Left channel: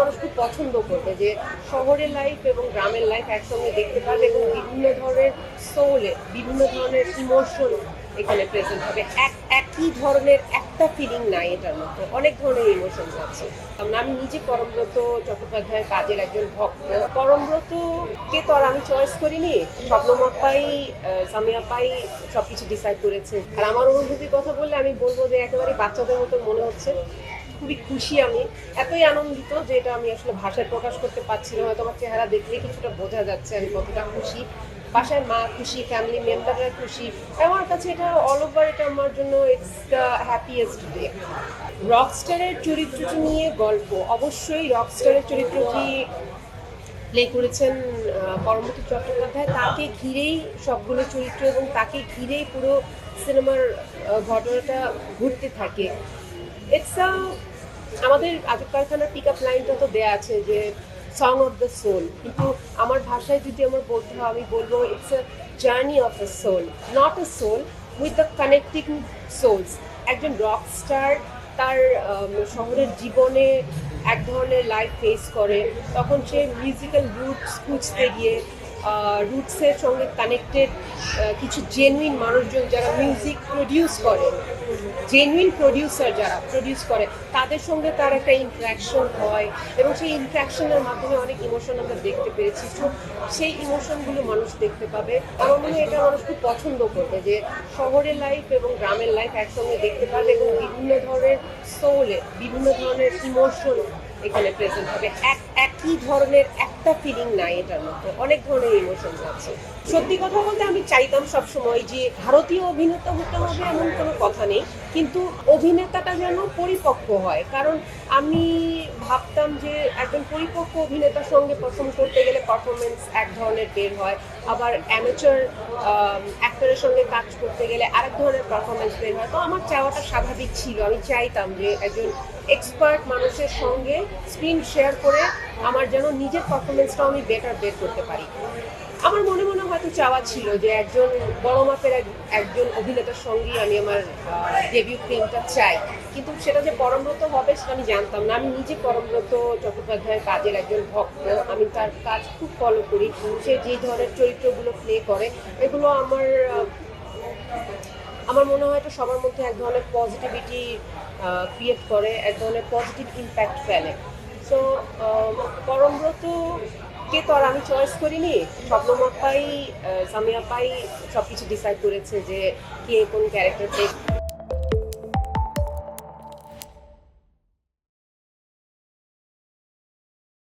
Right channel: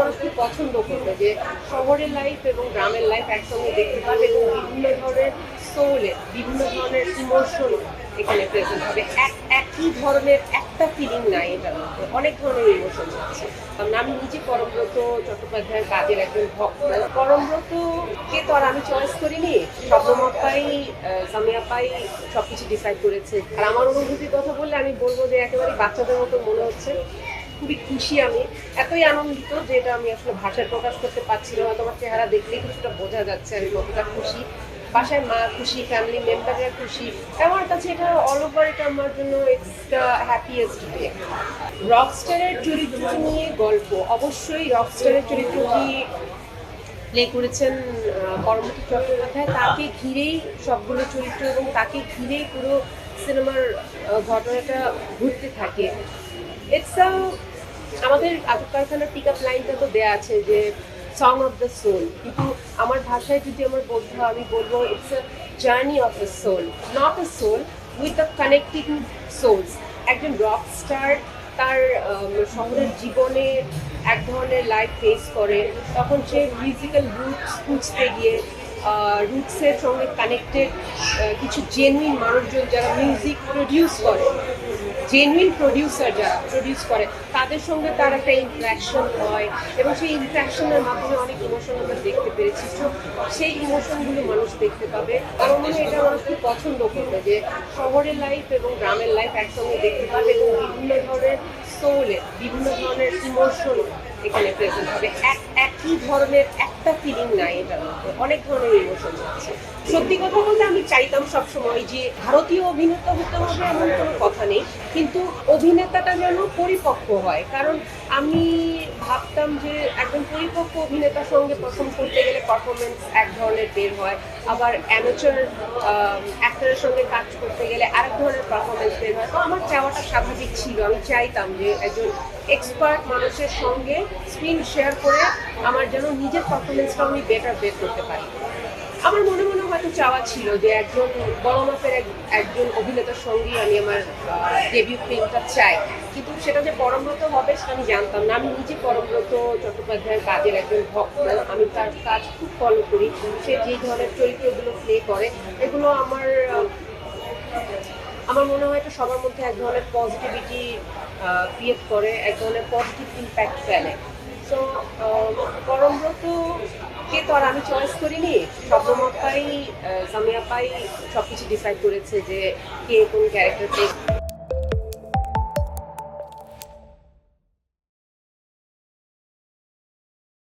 মানুষ খুব পছন্দ করবে যে শহরের লাইফ এবং গ্রামের লাইফ একসঙ্গে দেখতে পাবে এবং বিভিন্ন ধরনের সোলে বিভিন্ন ধরনের ইমোশন এখানে প্রেজেন্ট হবে। এক, একই ধরনের একটা ফিলিং নাই এটার মধ্যে। অনেক ধরনের ইমোশন আছে আমি নিজে পরমব্রত চট্টোপাধ্যায়ের কাজের একজন ভক্ত। পরমব্রতকে তো আর আমি চয়েস করিনি। স্বপ্নমত পাই সামিয়া পাই সব কিছু ডিসাইড করেছে। আর আমার অনুভূতির কথা বললে আমি বলব যে একেবারে বাচ্চাদের মতো মনে হচ্ছে। খুবই খুশি আমি। এতই আনন্দিত যে এটা আমি আসলে ভাষায় প্রকাশ করতে পারছি না। হয়তো আমার চেহারা দেখলেই কিছুটা বোঝা যাচ্ছে আমি কতটা খুশি। বাসায় মা খুশি ফ্যামিলি মেম্বাররা খুশি। আমার কাছে এটা অল ওভার এটা আমার জন্য দ্য হ্যাপিয়েস্ট ডে রকস্টারের চরিত্রটি নিয়ে গল্প। অবশ্যই রকস্টারের চরিত্রটি প্লে করেছেন পরমতি চট্টোপাধ্যায়, তাকে ঘিরেই সবগুলো চরিত্র এবং তাকে ঘিরেই পুরো সিনেমার ঘটনাটা ঘুরতে থাকে। ইটস আমাদের আজব কারখানার পিক আপ লাইনটা তো দেয়া আছে যে সং অফ দ্য সোল কিন্তু আমার ভাষায় যদি আমার বলতে হয়, আমি বলব it's a journey of a soul not a soul with the connecting souls একজন রক স্টার তার শহরের জীবনে এক ধরনের লাইফ ফেস করে, তখন সে মিউজিক্যাল রুটস খুঁজতে গিয়ে রুটসের সঙ্গে কানেক্টেড কিছু জেনুইন মানুষজন যারা মিউজিক প্রডিউস করে জেনুইন প্রডিউসার যারা প্রডিউস করে, তাদের সঙ্গে তার একটা ইন্টারাকশন হয় এবং সেই ইন্টারাকশনের মাধ্যমে অনেক ইমোশন আমরা দেখতে পেরেছি তো সেই ইমোশনগুলো মানুষ দেখতে পাবে। আমার মনে হয় এটা মানুষ খুব পছন্দ করবে যে শহরের লাইফ এবং গ্রামের লাইফ একসঙ্গে দেখতে পাবে এবং বিভিন্ন ধরনের সোলে বিভিন্ন ধরনের ইমোশন এখানে প্রেজেন্ট হবে। এক, একই ধরনের একটা ফিলিং নাই এটার মধ্যে। অনেক ধরনের ইমোশন আছে। সত্যি কথা বলতে আমি চাইতাম সবসময় যে ভারতীয় অভিনেতা হতে হবে এমন কোনো কথা নেই। কিন্তু অভিনেতাটা যেন পরিপক্ক হয়। কারণ আমি ভাবতাম যে একজন পরিপক্ক অভিনেতার সঙ্গে পারফর্ম করতে গেলে পারফরমেন্স এক ধরনের বের হয়। আবার অ্যামেচার অ্যাক্টরের সঙ্গে কাজ করতে গেলে আরেক ধরনের পারফরমেন্স বের হয়। তো আমার চাওয়াটা স্বাভাবিক ছিল। আমি চাইতাম যে একজন এক্সপার্ট মানুষের সঙ্গে স্ক্রিন শেয়ার করে আমার যেন নিজের পারফরমেন্সটাও আমি বেটার বের করতে পারি। আমার মনে মনে হয়তো চাওয়া ছিল যে একজন বড় মাপের একজন অভিনেতার সঙ্গেই আমি আমার ডেবিউ ফিল্মটা চাই। কিন্তু সেটা যে পরমব্রত হবে সেটা আমি জানতাম না। আমি নিজে পরমব্রত চট্টোপাধ্যায়ের কাজের একজন ভক্ত। আমি তার কাজ খুব ফলো করি। সে যে ধরনের চরিত্রগুলো প্লে করে, এগুলো আমার আমার মনে হয় এটা সবার মধ্যে এক ধরনের পজিটিভিটি ক্রিয়েট করে, এক ধরনের পজিটিভ ইম্প্যাক্ট ফেলে। সো পরমব্রত কে তো আর আমি চয়েস করিনি। স্বপ্নমত পাই সব কিছু ডিসাইড করেছে যে কে কোন ক্যারেক্টার